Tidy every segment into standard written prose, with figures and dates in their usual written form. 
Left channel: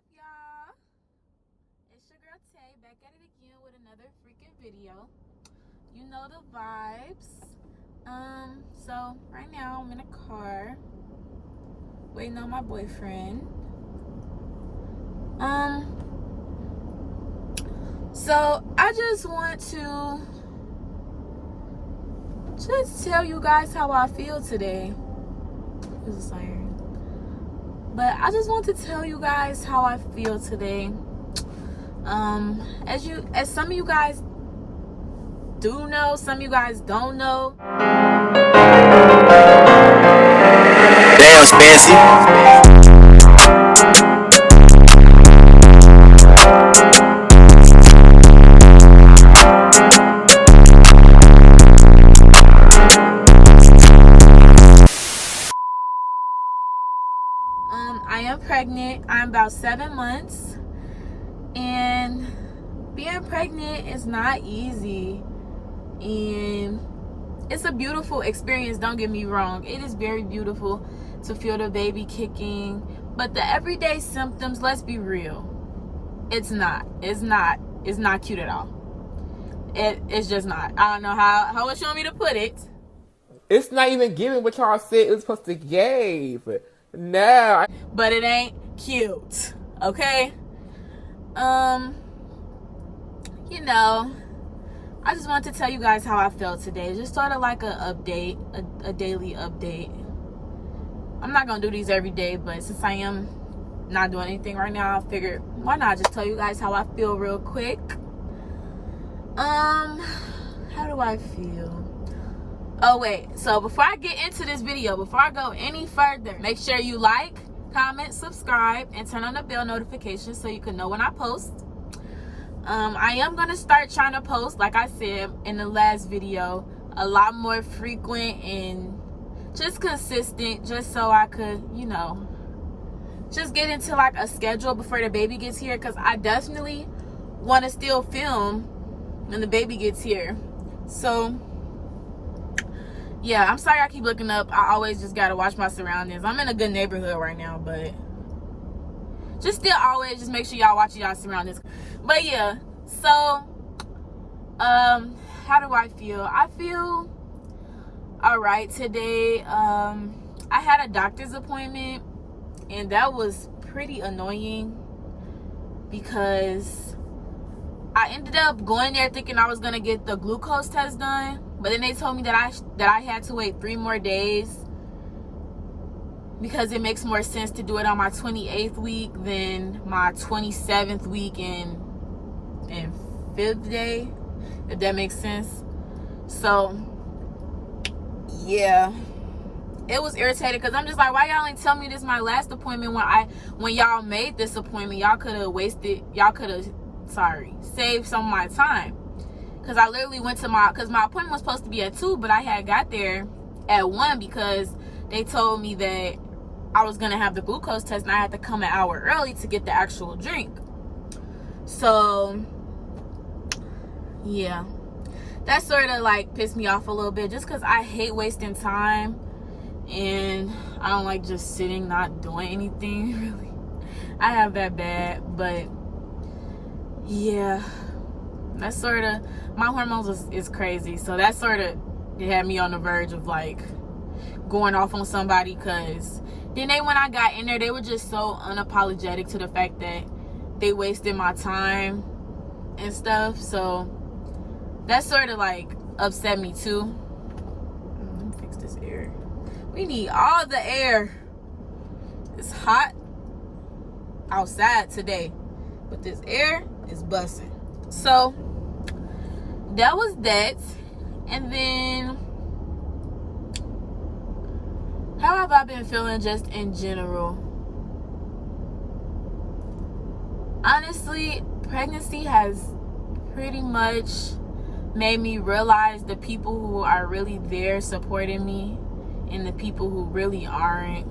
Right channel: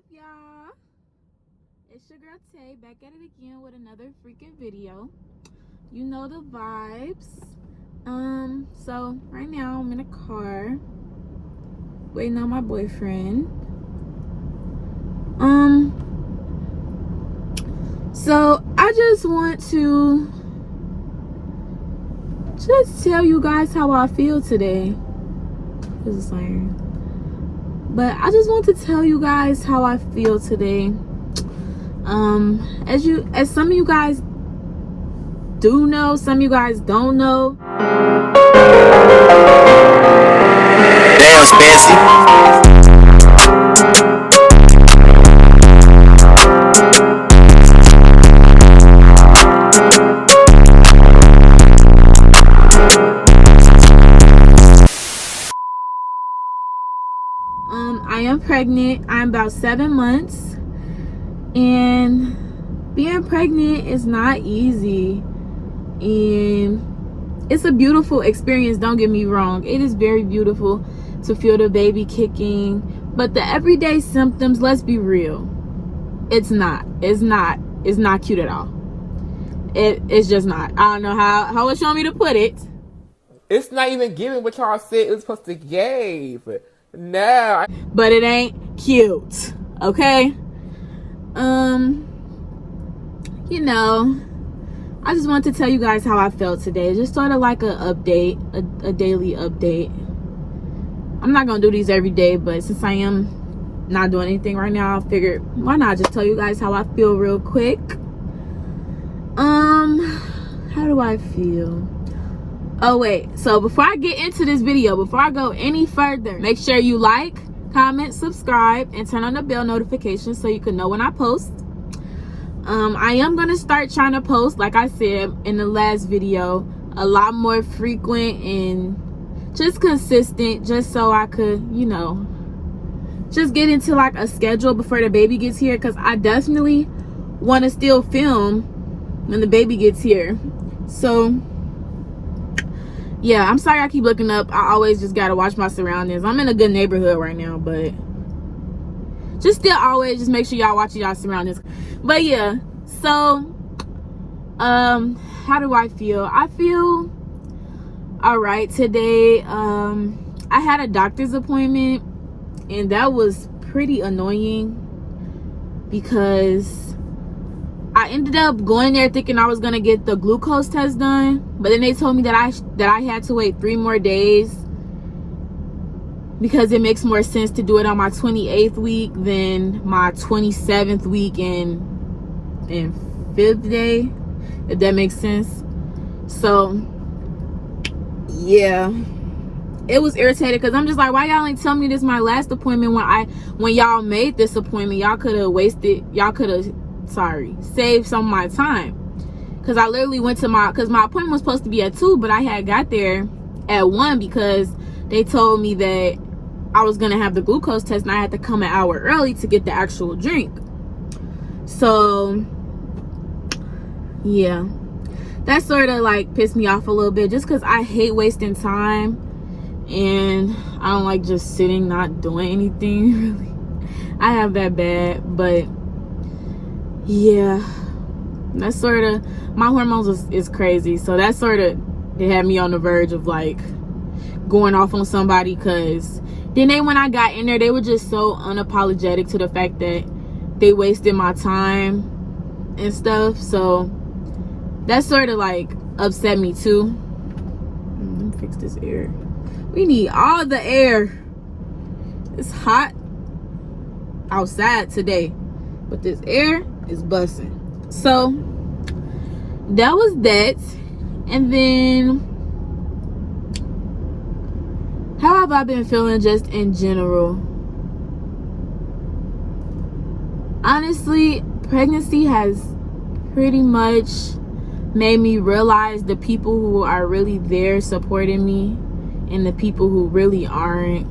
up, y'all? It's your girl Tay back at it again with another freaking video. You know the vibes. So right now I'm in a car waiting on my boyfriend. So I just want to tell you guys how I feel today. There's a siren. But I just want to tell you guys how I feel today. As some of you guys do know, some of you guys don't know. Damn, Spancy. I am pregnant. I'm about 7 months, and being pregnant is not easy, and it's a beautiful experience. Don't get me wrong, it is very beautiful to feel the baby kicking, but the everyday symptoms, let's be real, it's not cute at all. It's just not. I don't know how it's showing me to put it. It's not even giving what y'all said it was supposed to give. No. But it ain't cute, okay? You know, I just want to tell you guys how I felt today. Just sort of like a update, a daily update. I'm not gonna do these every day, but since I am not doing anything right now, I figured why not just tell you guys how I feel real quick. How do I feel? Oh wait, so before I get into this video, before I go any further, make sure you like, comment, subscribe, and turn on the bell notifications so you can know when I post. I am gonna start trying to post, like I said in the last video, a lot more frequent and just consistent, just so I could, you know, just get into like a schedule before the baby gets here, because I definitely want to still film when the baby gets here. So yeah, I'm sorry I keep looking up. I always just gotta watch my surroundings. I'm in a good neighborhood right now, but just still always just make sure y'all watching y'all surroundings. But yeah, so how do I feel? I feel all right today. I had a doctor's appointment, and that was pretty annoying because I ended up going there thinking I was gonna get the glucose test done, but then they told me that I had to wait 3 more days because it makes more sense to do it on my 28th week than my 27th week and 5th day, if that makes sense. So yeah, it was irritating because I'm just like, why y'all ain't tell me this my last appointment when y'all made this appointment? Y'all could have save some of my time, because I literally went to because my appointment was supposed to be at 2, but I had got there at 1 because they told me that I was gonna have the glucose test and I had to come an hour early to get the actual drink. So yeah, that sort of like pissed me off a little bit, just because I hate wasting time and I don't like just sitting not doing anything really. I have that bad. But yeah, that's sort of, my hormones is crazy, so that sort of, it had me on the verge of like going off on somebody, because then when I got in there, they were just so unapologetic to the fact that they wasted my time and stuff. So that sort of like upset me too. Let me fix this air. We need all the air. It's hot outside today, but this air is busting. So that was that. And then how have I been feeling just in general? Honestly, pregnancy has pretty much made me realize the people who are really there supporting me and the people who really aren't.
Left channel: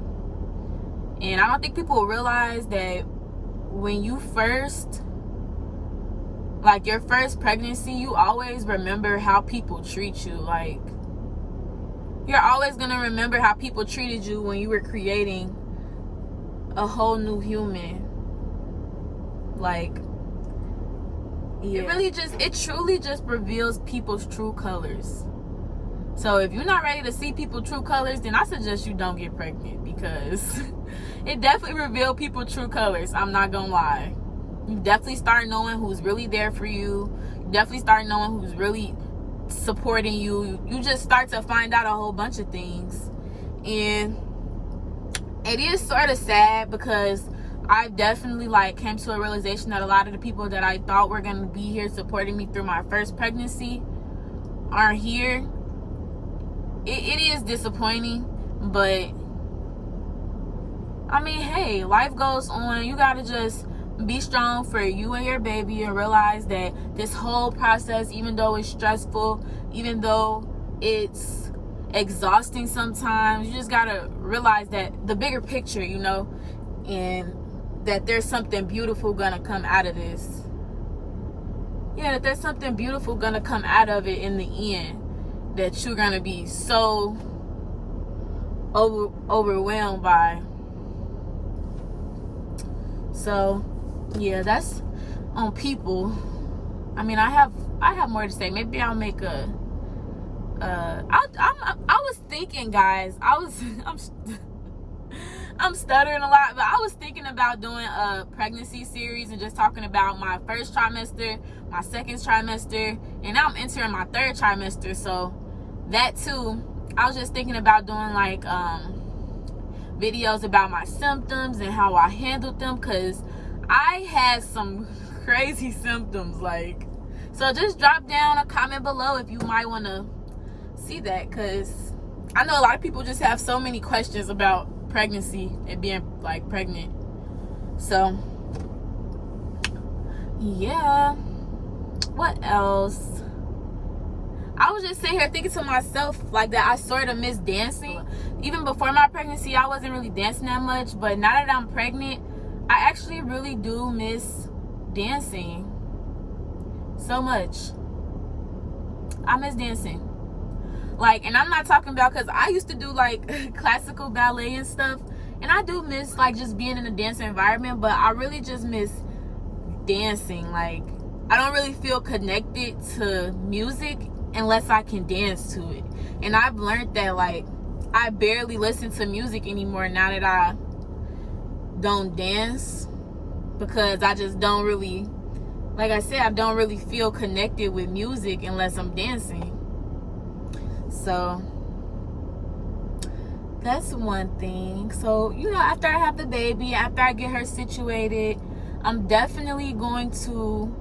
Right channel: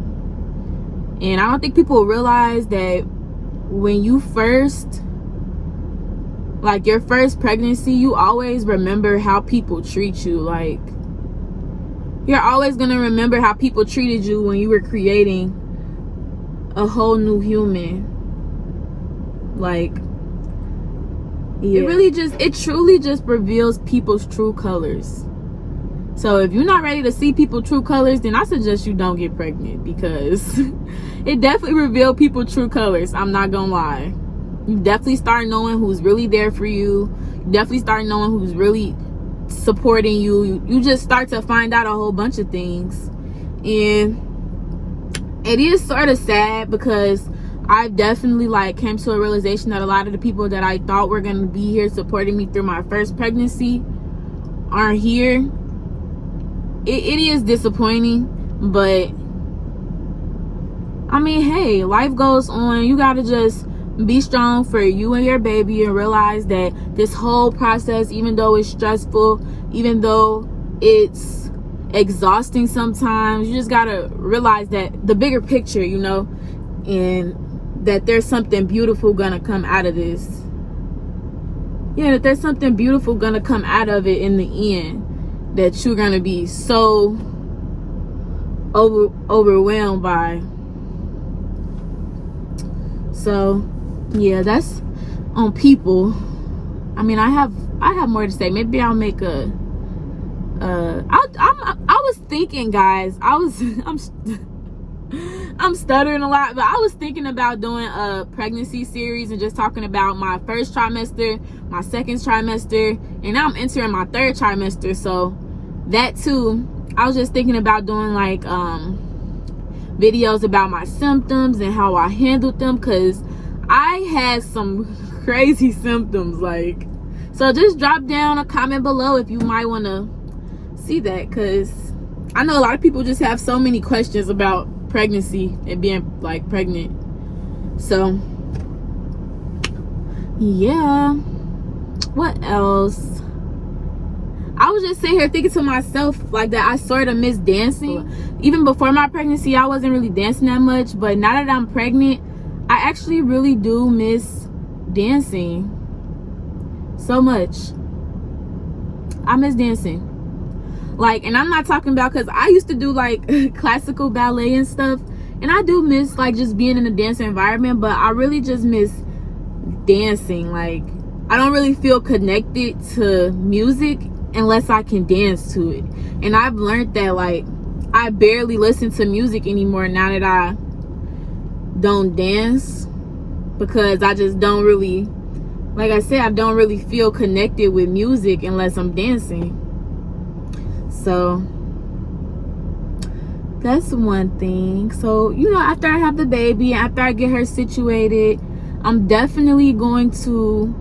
And I don't think people realize that when you first, like your first pregnancy, you always remember how people treat you. Like, you're always gonna remember how people treated you when you were creating a whole new human. Like, yeah. It truly just reveals people's true colors. So if you're not ready to see people's true colors, then I suggest you don't get pregnant, because it definitely revealed people's true colors. I'm not gonna lie. You definitely start knowing who's really there for you. You definitely start knowing who's really supporting you. You just start to find out a whole bunch of things. And it is sort of sad, because I've definitely like came to a realization that a lot of the people that I thought were going to be here supporting me through my first pregnancy aren't here. It is disappointing, but I mean, hey, life goes on. You got to just be strong for you and your baby, and realize that this whole process, even though it's stressful, even though it's exhausting sometimes, you just got to realize that the bigger picture, you know, and that there's something beautiful gonna come out of this. Yeah, that there's something beautiful gonna come out of it in the end, that you're gonna be so overwhelmed by. So yeah, that's on people. I mean, I have more to say. Maybe I'll make a I was thinking, guys, I'm stuttering a lot, but I was thinking about doing a pregnancy series and just talking about my first trimester, my second trimester, and now I'm entering my third trimester. So that too, I was just thinking about doing like videos about my symptoms and how I handled them, because I had some crazy symptoms. Like, so just drop down a comment below if you might want to see that, because I know a lot of people just have so many questions about pregnancy and being like pregnant. So yeah, what else? I was just sitting here thinking to myself like that I sort of miss dancing. Even before my pregnancy, I wasn't really dancing that much, but now that I'm pregnant, I actually really do miss dancing so much. I miss dancing. Like, and I'm not talking about, because I used to do like classical ballet and stuff, and I do miss like just being in a dance environment, but I really just miss dancing. Like, I don't really feel connected to music unless I can dance to it. And I've learned that like I barely listen to music anymore now that I don't dance, because I just don't really, like I said, I don't really feel connected with music unless I'm dancing. So that's one thing. So, you know, after I have the baby, after I get her situated, I'm definitely going to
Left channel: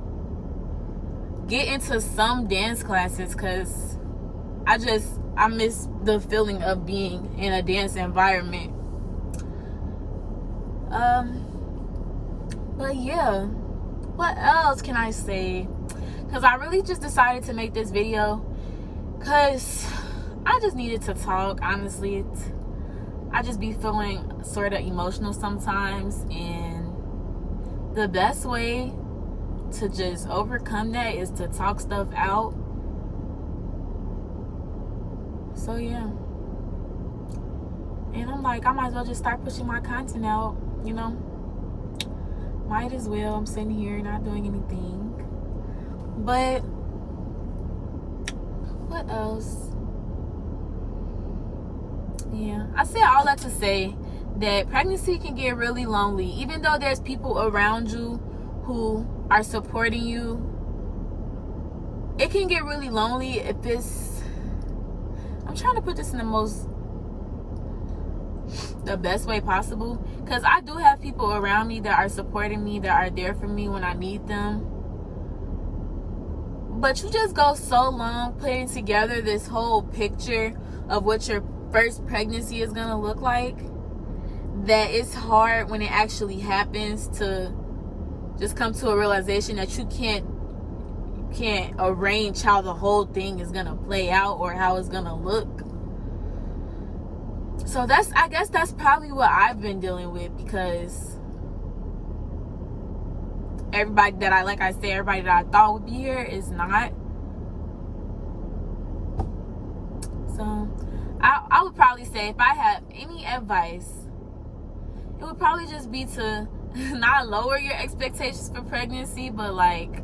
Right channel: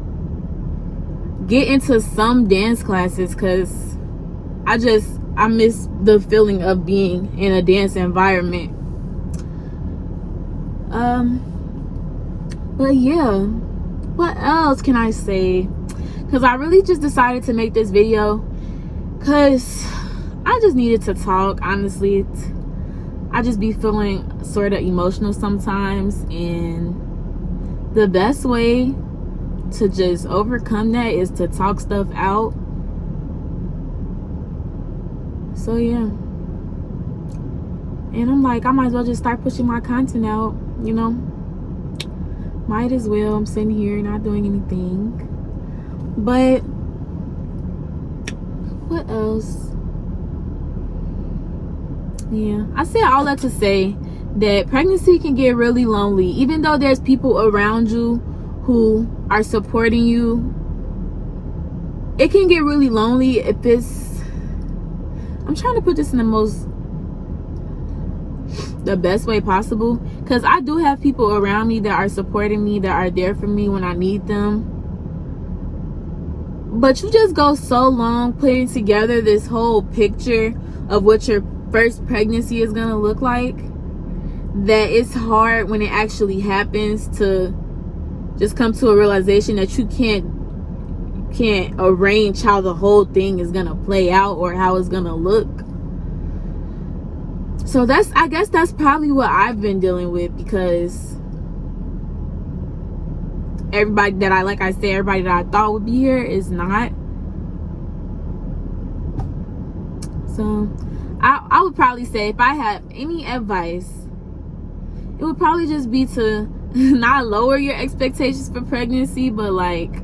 get into some dance classes, because I miss the feeling of being in a dance environment. But yeah, what else can I say? Because I really just decided to make this video because I just needed to talk. Honestly, I just be feeling sort of emotional sometimes, and the best way to just overcome that is to talk stuff out. So yeah, and I'm like, I might as well just start pushing my content out, you know, might as well. I'm sitting here not doing anything. But what else? Yeah, I say all that to say that pregnancy can get really lonely. Even though there's people around you who are supporting you, it can get really lonely if it's, I'm trying to put this in the best way possible, because I do have people around me that are supporting me, that are there for me when I need them. But you just go so long putting together this whole picture of what your first pregnancy is gonna look like, that it's hard when it actually happens to just come to a realization that you can't arrange how the whole thing is gonna play out or how it's gonna look. So I guess that's probably what I've been dealing with, because everybody that everybody that I thought would be here is not. So I would probably say, if I have any advice, it would probably just be to not lower your expectations for pregnancy, but like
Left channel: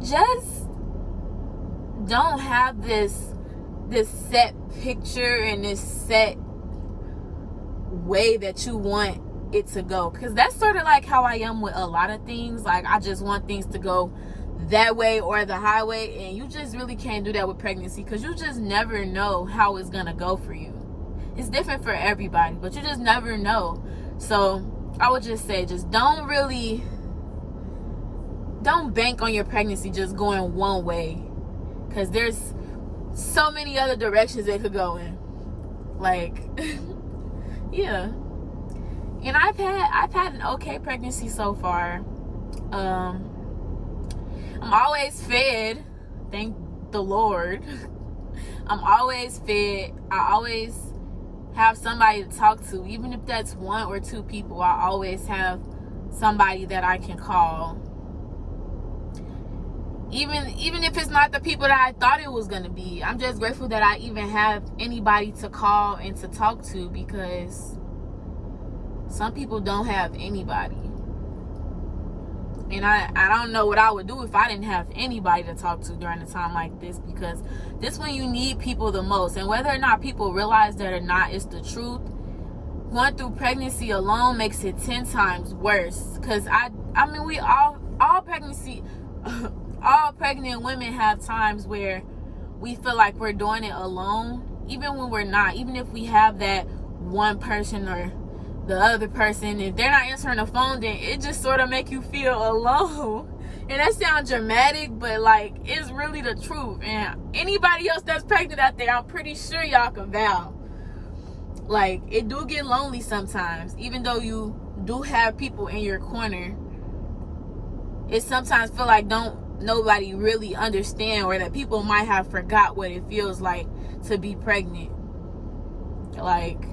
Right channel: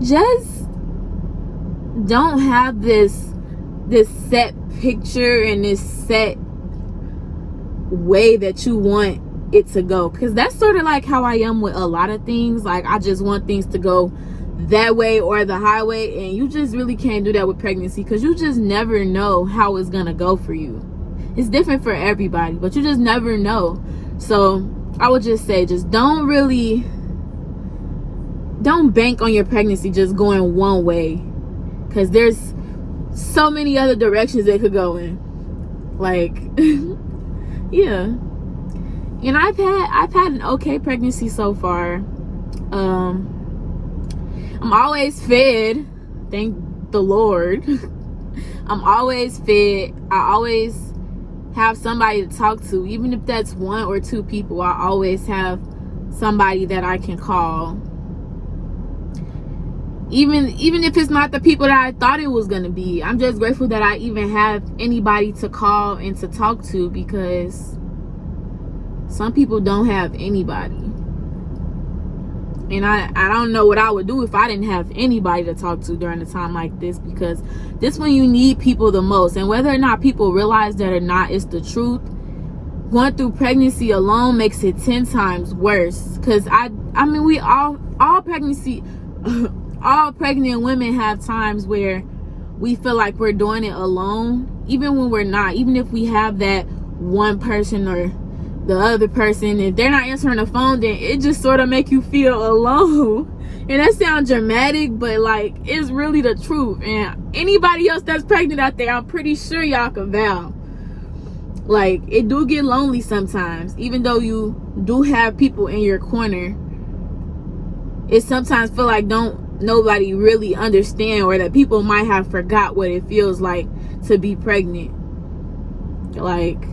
just don't have this set picture and this set way that you want it to go, because that's sort of like how I am with a lot of things. Like I just want things to go that way or the highway, and you just really can't do that with pregnancy, because you just never know how it's gonna go for you. It's different for everybody, but you just never know. So I would just say, just don't bank on your pregnancy just going one way, because there's so many other directions it could go in. Like yeah. And I've had an okay pregnancy so far. I'm always fed, thank the Lord. I'm always fed. I always have somebody to talk to, even if that's 1 or 2 people. I always have somebody that I can call, even if it's not the people that I thought it was gonna be. I'm just grateful that I even have anybody to call and to talk to, because some people don't have anybody. And I don't know what I would do if I didn't have anybody to talk to during a time like this, because this when you need people the most. And whether or not people realize that or not, it's the truth. Going through pregnancy alone makes it 10 times worse, because I mean, we all pregnant women have times where we feel like we're doing it alone, even when we're not. Even if we have that one person or the other person, if they're not answering the phone, then it just sort of make you feel alone. And that sounds dramatic, but like, it's really the truth. And anybody else that's pregnant out there, I'm pretty sure y'all can vouch. Like, it do get lonely sometimes. Even though you do have people in your corner, it sometimes feel like nobody really understand, or that people might have forgot what it feels like to be pregnant. Like,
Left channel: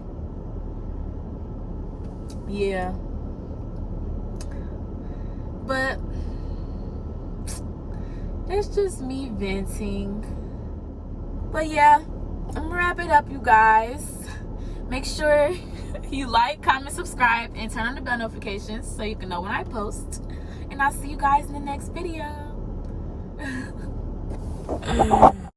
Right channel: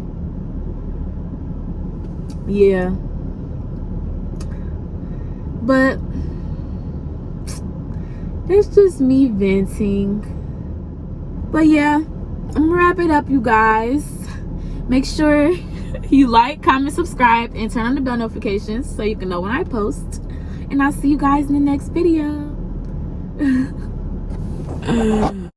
yeah. But it's just me venting. But yeah, I'm gonna wrap it up, you guys. Make sure you like, comment, subscribe, and turn on the bell notifications so you can know when I post. And I'll see you guys in the next video.